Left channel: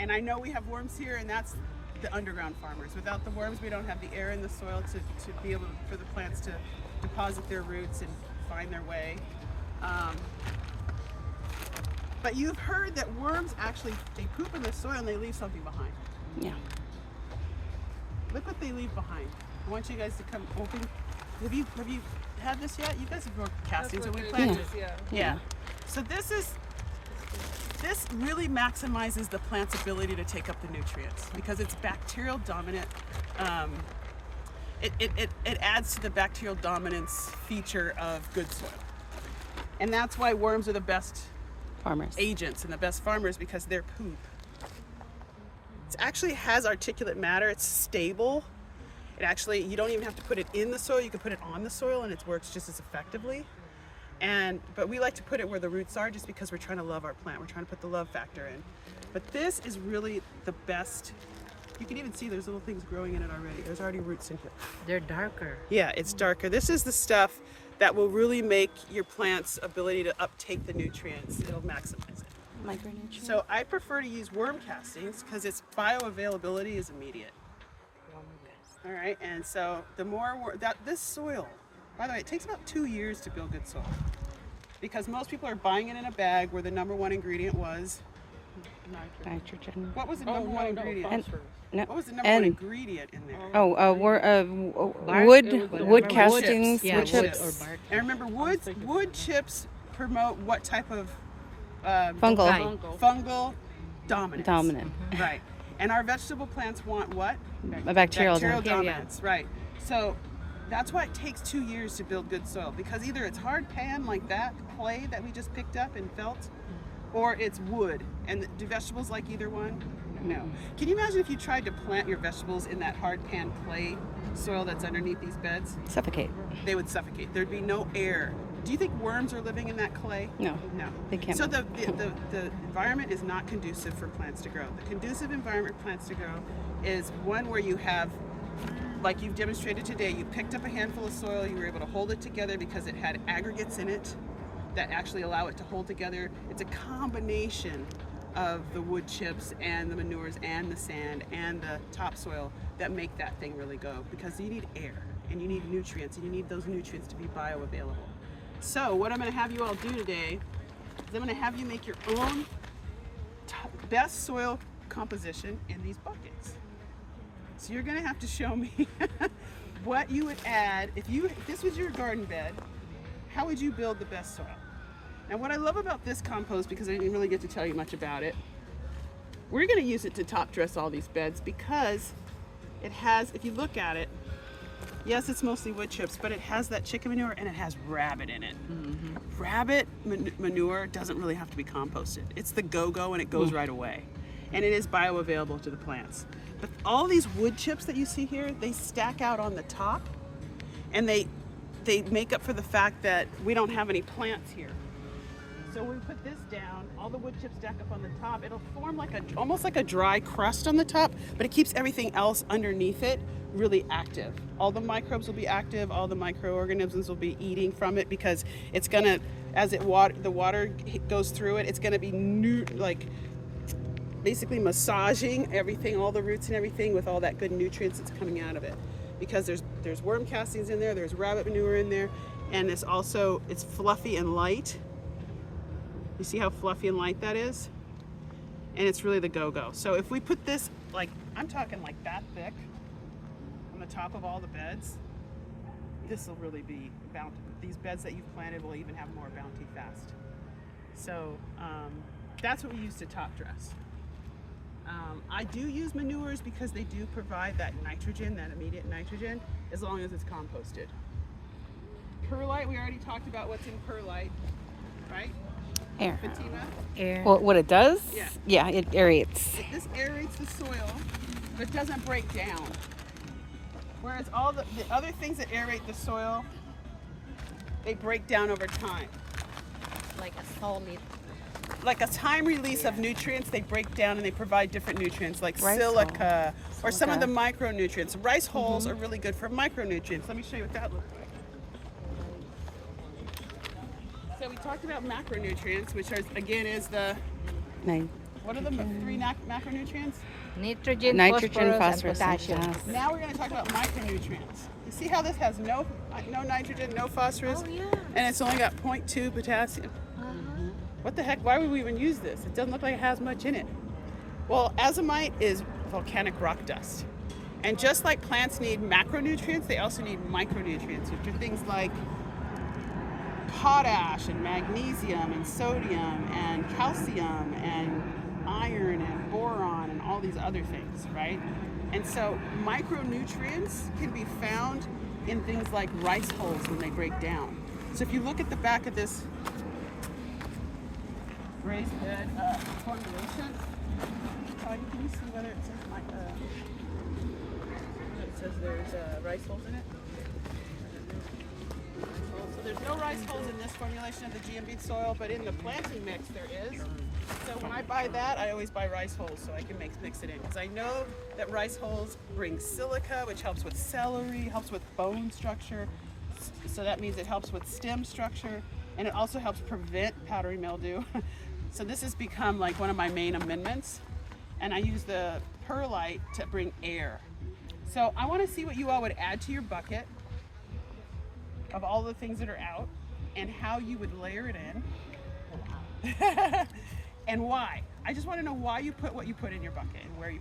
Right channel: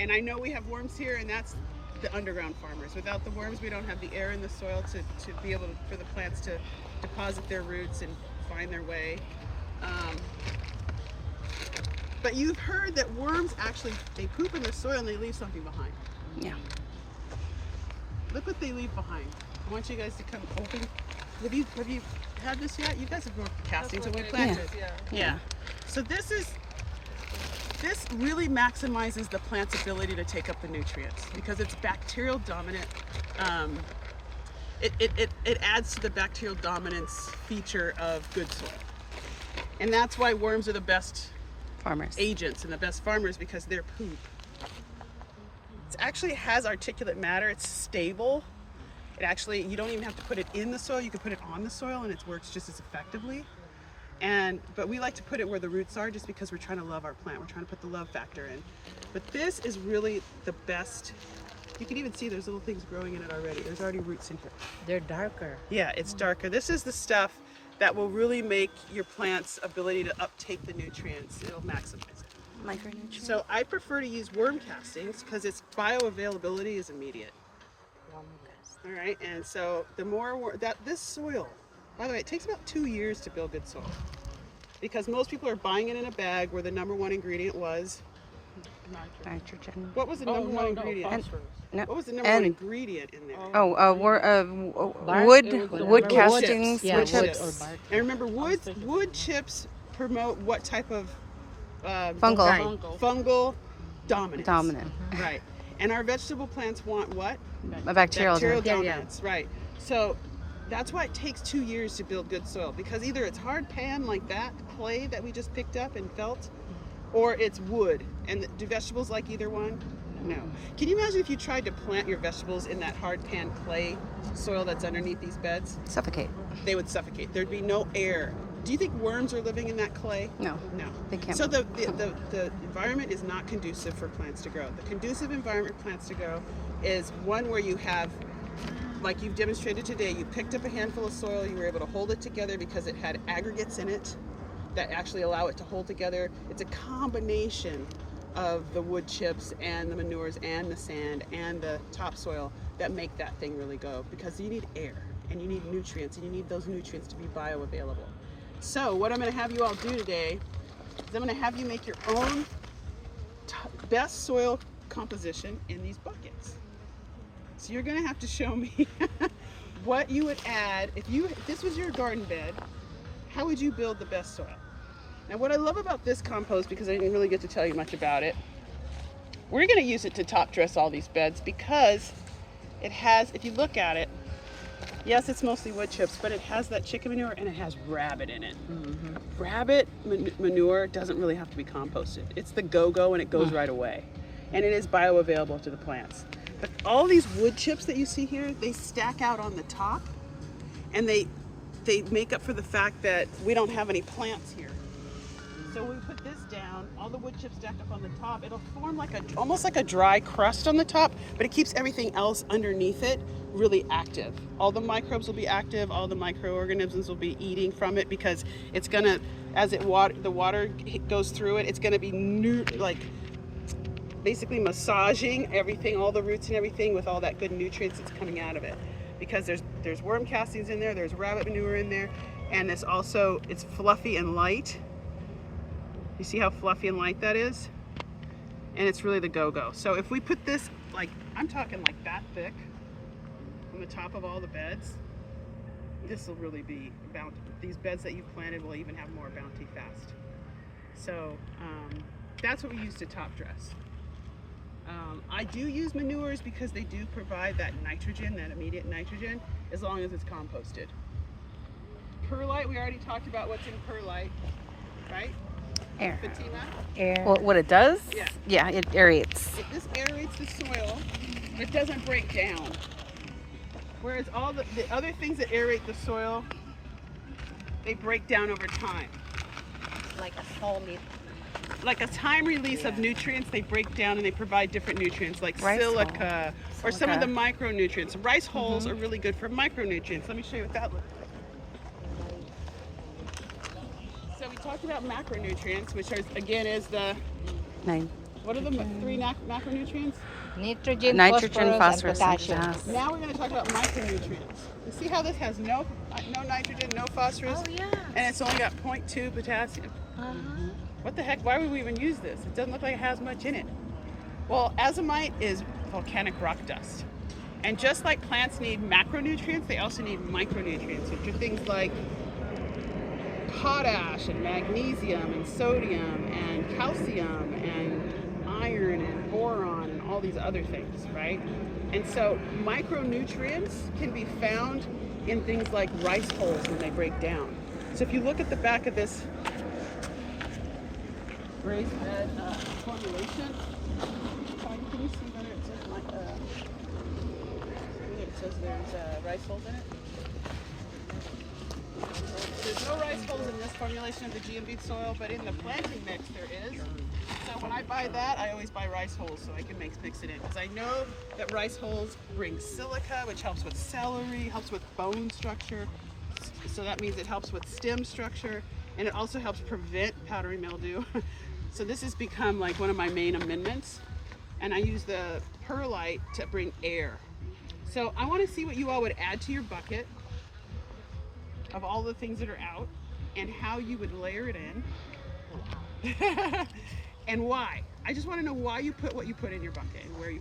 And I know we have worms here, and that's the underground farmers. Without the worms, we don't have the air in the soil to be able to, for the plants to deposit their roots and find their way. But you've heard that worms actually, they poop in the soil and they leave something behind. Yeah. Look what they leave behind. I want you guys to come open. Have you had this yet? You guys have grown castings and we planted. Yeah. So this really maximizes the plant's ability to take up the nutrients because it's bacterial dominant. It adds to the bacterial dominance feature of good soil. And that's why worms are the best Farmers. agents and the best farmers, because their poop, it actually has articulate matter. It's stable. It actually, you don't even have to put it in the soil. You can put it on the soil and it works just as effectively. But we like to put it where the roots are just because we're trying to love our plant. We're trying to put the love factor in. But this is really the best. You can even see there's little things growing in it already. There's already roots in here. They're darker. Yeah, it's darker. This is the stuff that will really make your plant's ability to uptake the nutrients. It'll maximize it. Micronutrients. So I prefer to use worm castings because its bioavailability is immediate. All right, and so the more this soil, by the way, it takes about 2 years to build good soil because most people are buying it in a bag where the number one ingredient was Nitrogen. what was the number one ingredient? No. What was the number one ingredient in there? Wood castings. Yeah, wood wood chips. or bark. And remember, wood chips promote what type of fungal dominance. Dominant. Right. And our vegetable plants want what? A bacterial dominance. Right. So that's why it takes 2 years to build good soil, because either it's hard pan like that clay that we just picked up and felt, or it's wood. And do vegetables like either one? No. Can you imagine if you tried to plant your vegetables in that hard pan clay soil that's underneath these beds? Suffocate. They would suffocate. There'd be no air. Do you think worms are living in that clay? No. No. They can't. So the environment is not conducive for plants to grow. The conducive environment for plants to grow is one where you have, like you've demonstrated today, you picked up a handful of soil, you were able to hold it together because it had aggregates in it that actually allow it to hold together. It's a combination of the wood chips and the manures and the sand and the topsoil that make that thing really go, because you need air and you need nutrients, and you need those nutrients to be bioavailable. So what I'm going to have you all do today is I'm going to have you make your own best soil composition in these buckets. So you're going to have to show me what you would add if this was your garden bed. How would you build the best soil? Now what I love about this compost, because I didn't really get to tell you much about it, we're going to use it to top dress all these beds because it has, if you look at it, yes, it's mostly wood chips, but it has that chicken manure and it has rabbit in it. Mm-hmm. Rabbit manure doesn't really have to be composted. It's the go-go and it goes right away. And it is bioavailable to the plants. But all these wood chips that you see here, they stack out on the top, and they make up for the fact that we don't have any plants here. So when we put this down, all the wood chips stack up on the top. It'll form like almost like a dry crust on the top, but it keeps everything else underneath it really active. All the microbes will be active. All the microorganisms will be eating from it, because it's gonna, as the water goes through it, it's gonna be basically massaging everything, all the roots and everything, with all that good nutrients that's coming out of it. Because there's worm castings in there, there's rabbit manure in there, and it's fluffy and light. You see how fluffy and light that is? And it's really the go-go. So if we put this, I'm talking like that thick on the top of all the beds, this will really be bounty. These beds that you've planted will even have more bounty fast. So that's what we use to top dress. I do use manures because they do provide that nitrogen, that immediate nitrogen, as long as it's composted. Perlite, we already talked about what's in perlite, right? Air. Fatima? Air. Well, what it does? Yeah. Yeah, it aerates. This aerates the soil, but it doesn't break down. Whereas all the other things that aerate the soil, they break down over time. Like a solid. Like a time release of nutrients, they break down and they provide different nutrients like Rice silica or some of the micronutrients. Rice hulls are really good for micronutrients. Let me show you what that looks like. So we talked about macronutrients, which is the What are the three macronutrients? Nitrogen, Nitrogen, phosphorus, and phosphorus, and potassium. gas. Now we're going to talk about micronutrients. You see how this has no nitrogen, no phosphorus, Oh, yeah. and it's only got 0.2 potassium. What the heck? Why would we even use this? It doesn't look like it has much in it. Well, azomite is volcanic rock dust. And just like plants need macronutrients, they also need micronutrients, which are things like potash and magnesium and sodium and calcium and iron and boron and all these other things, right? And so micronutrients can be found in things like rice hulls when they break down. So if you look at the back of this raised bed formulation, can you see whether it says there's rice hulls in it? There's no rice hulls in this formulation of the GMB soil, but in the planting mix there is. So when I buy that, I always buy rice hulls so I can mix it in. Because I know that rice hulls bring silica, which helps with celery, helps with bone structure. So that means it helps with stem structure, and it also helps prevent powdery mildew. So this has become like one of my main amendments. And I use the perlite to bring air. So I want to see what you all would add to your bucket of all the things that are out, and how you would layer it in, and why. I just want to know why you put what you put in your bucket and why